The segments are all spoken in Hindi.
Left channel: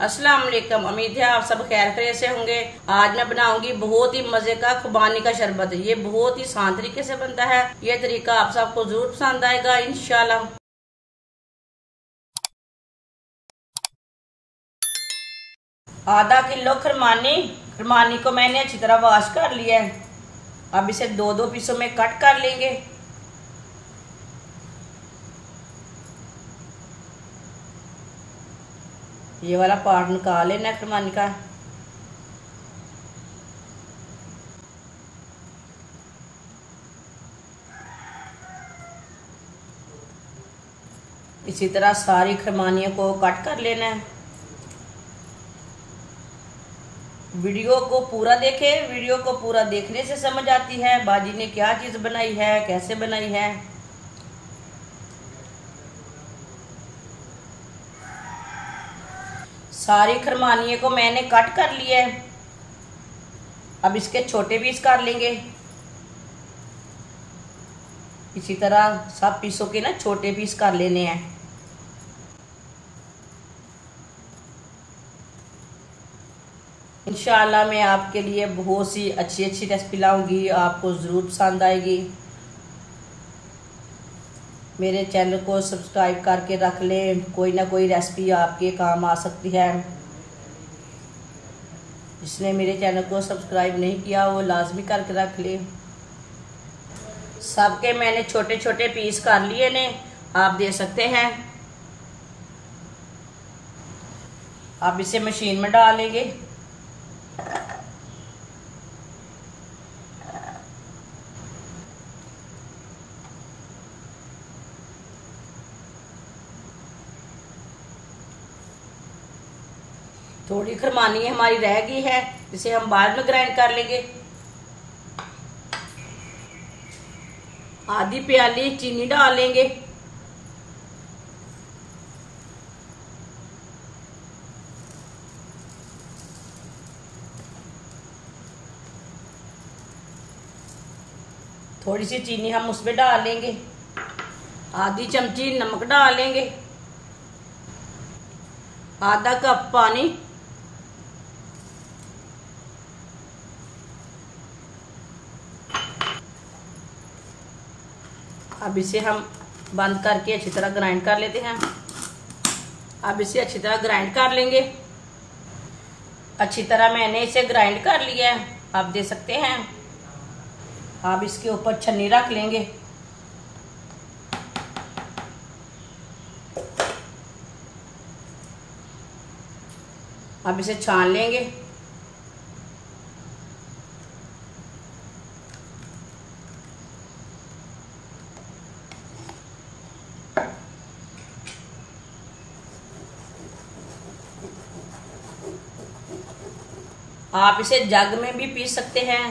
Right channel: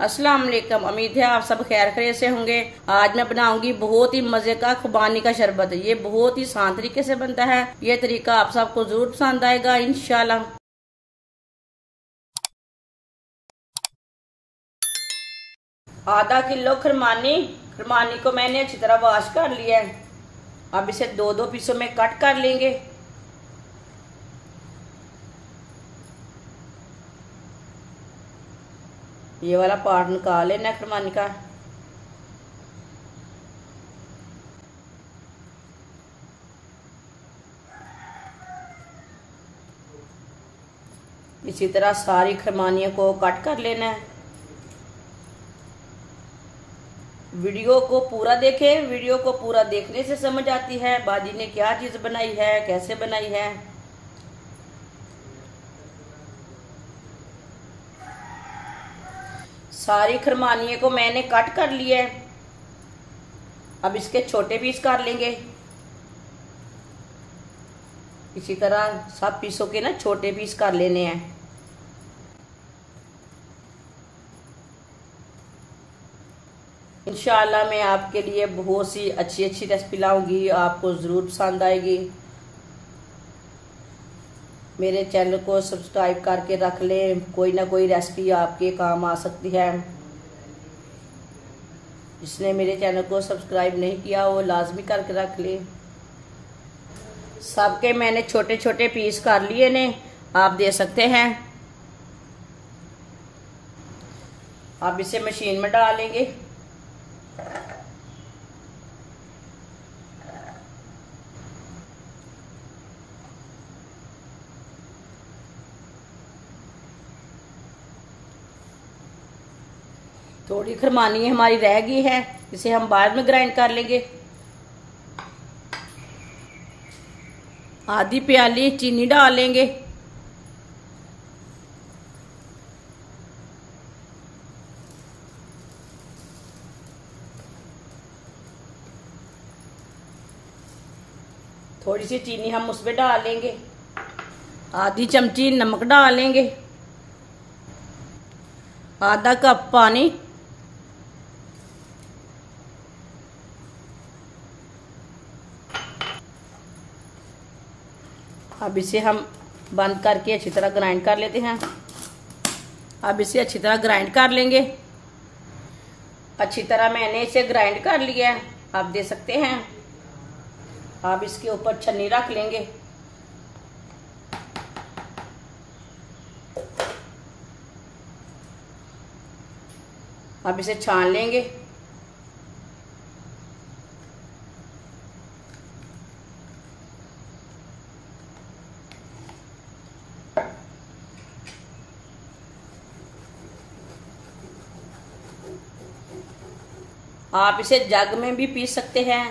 अस्सलाम वालेकुम। उम्मीद है आप सब खैर खैरियत से होंगे। आज मैं बनाऊंगी बहुत ही मजे का खुबानी का शरबत। ये बहुत ही आसान तरीके से बनता है। ये तरीका आप सबको जरूर पसंद आएगा इंशाल्लाह। आधा किलो खरमानी को मैंने अच्छी तरह वॉश कर लिया है। अब इसे दो दो पीसों में कट कर लेंगे। ये वाला पार्ट निकाल लेना खरमानी का। इसी तरह सारी खरमानियों को कट कर लेना है। वीडियो को पूरा देखें। वीडियो को पूरा देखने से समझ आती है बाजी ने क्या चीज बनाई है, कैसे बनाई है। सारी खरमानियों को मैंने कट कर लिया है। अब इसके छोटे पीस कर लेंगे। इसी तरह सब पीसों के ना छोटे पीस कर लेने हैं। इंशाल्लाह मैं आपके लिए बहुत सी अच्छी अच्छी रेसिपी लाऊंगी, आपको जरूर पसंद आएगी। मेरे चैनल को सब्सक्राइब करके रख लें, कोई ना कोई रेसिपी आपके काम आ सकती है। जिसने मेरे चैनल को सब्सक्राइब नहीं किया वो लाजमी करके रख ले। सबके मैंने छोटे छोटे पीस कर लिए ने, आप दे सकते हैं। अब इसे मशीन में डालेंगे। थोड़ी खरमानी हमारी रह गई है, इसे हम बाद में ग्राइंड कर लेंगे। आधी प्याली चीनी डालेंगे। थोड़ी सी चीनी हम उसमें डालेंगे। आधी चमची नमक डालेंगे। आधा कप पानी। अब इसे हम बंद करके अच्छी तरह ग्राइंड कर लेते हैं। अब इसे अच्छी तरह ग्राइंड कर लेंगे। अच्छी तरह मैंने इसे ग्राइंड कर लिया है, आप दे सकते हैं। अब इसके ऊपर छन्नी रख लेंगे। अब इसे छान लेंगे। आप इसे जग में भी पी सकते हैं।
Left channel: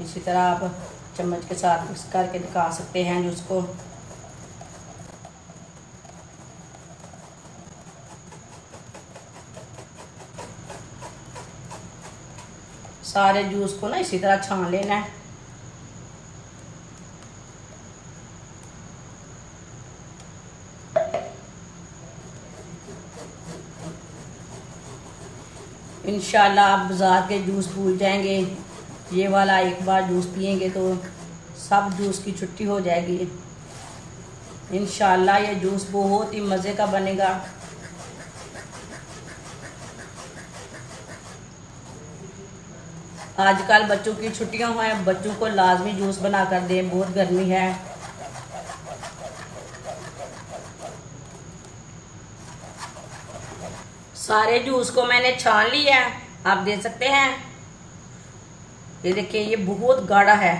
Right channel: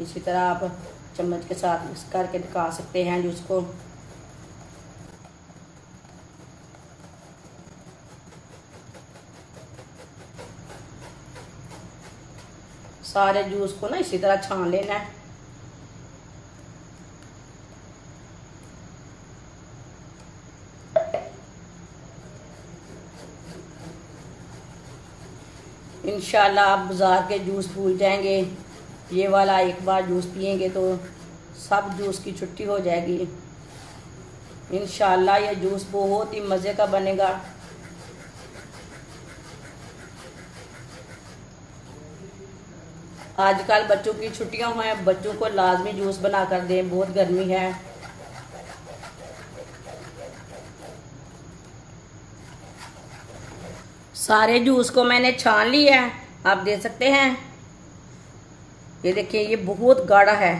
इसी तरह आप चम्मच के साथ मिक्स करके दिखा सकते हैं जूस को। सारे जूस को ना इसी तरह छान लेना है। इंशाल्लाह आप बाजार के जूस भूल जाएंगे। ये वाला एक बार जूस पियेंगे तो सब जूस की छुट्टी हो जाएगी। इंशाल्लाह ये जूस बहुत ही मज़े का बनेगा। आजकल बच्चों की छुट्टियां हैं, बच्चों को लाजमी जूस बना कर दें, बहुत गर्मी है। सारे जूस को मैंने छान लिया, आप देख सकते हैं। ये देखिए ये बहुत गाढ़ा है।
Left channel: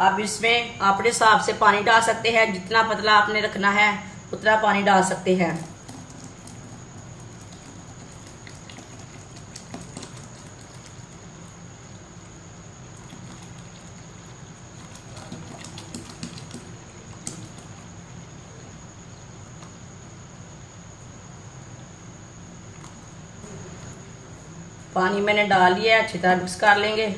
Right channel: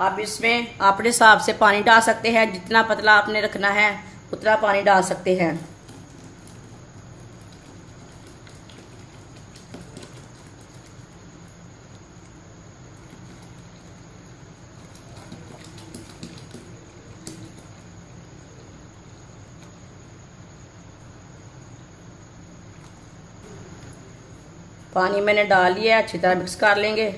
आप इसमें अपने हिसाब से पानी डाल सकते हैं। जितना पतला आपने रखना है उतना पानी डाल सकते हैं। पानी मैंने डाल लिया है, अच्छी तरह मिक्स कर लेंगे।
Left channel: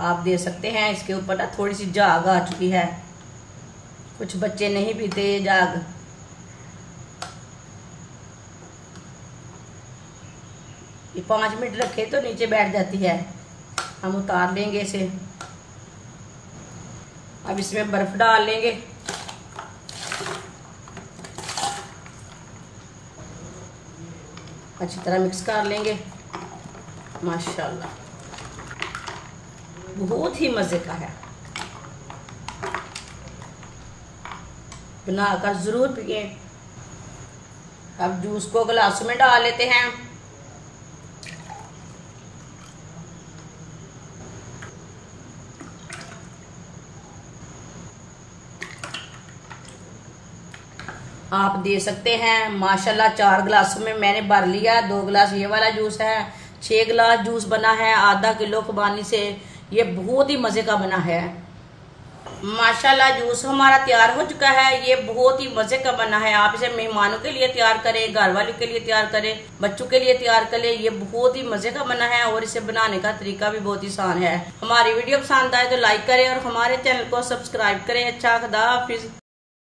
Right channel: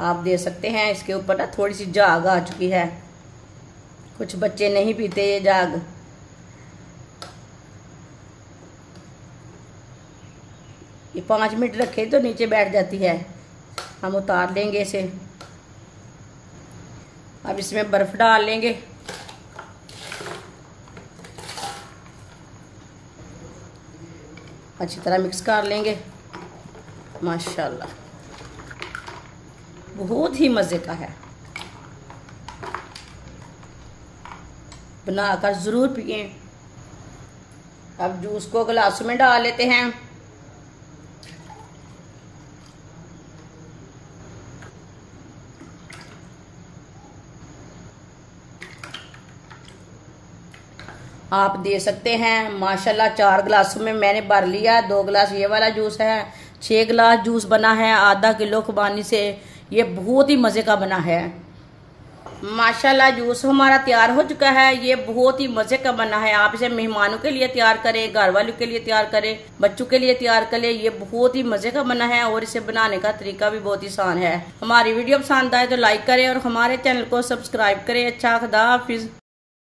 आप देख सकते हैं इसके ऊपर ना थोड़ी सी झाग आ चुकी है। कुछ बच्चे नहीं पीते ये झाग। ये 5 मिनट रखे तो नीचे बैठ जाती है। हम उतार लेंगे इसे। अब इसमें बर्फ डाल लेंगे। अच्छी तरह मिक्स कर लेंगे। माशाल्लाह बहुत ही मजे का है, बनाकर जरूर पिए। अब जूस को गिलासों में डाल लेते हैं। आप दे सकते हैं माशाल्लाह 4 गिलासों में मैंने भर लिया। 2 गिलास ये वाला जूस है, 6 गिलास जूस बना है आधा किलो खुबानी से। ये बहुत ही मजे का बना है। माशाल्लाह जूस हमारा तैयार हो चुका है। ये बहुत ही मजे का बना है। आप इसे मेहमानों के लिए तैयार करें, घर वालों के लिए तैयार करें, बच्चों के लिए तैयार करें। ये बहुत ही मजे का बना है और इसे बनाने का तरीका भी बहुत ही आसान है। हमारी वीडियो पसंद आए तो लाइक करें और हमारे चैनल को सब्सक्राइब करें। अच्छा, खुदा हाफिज।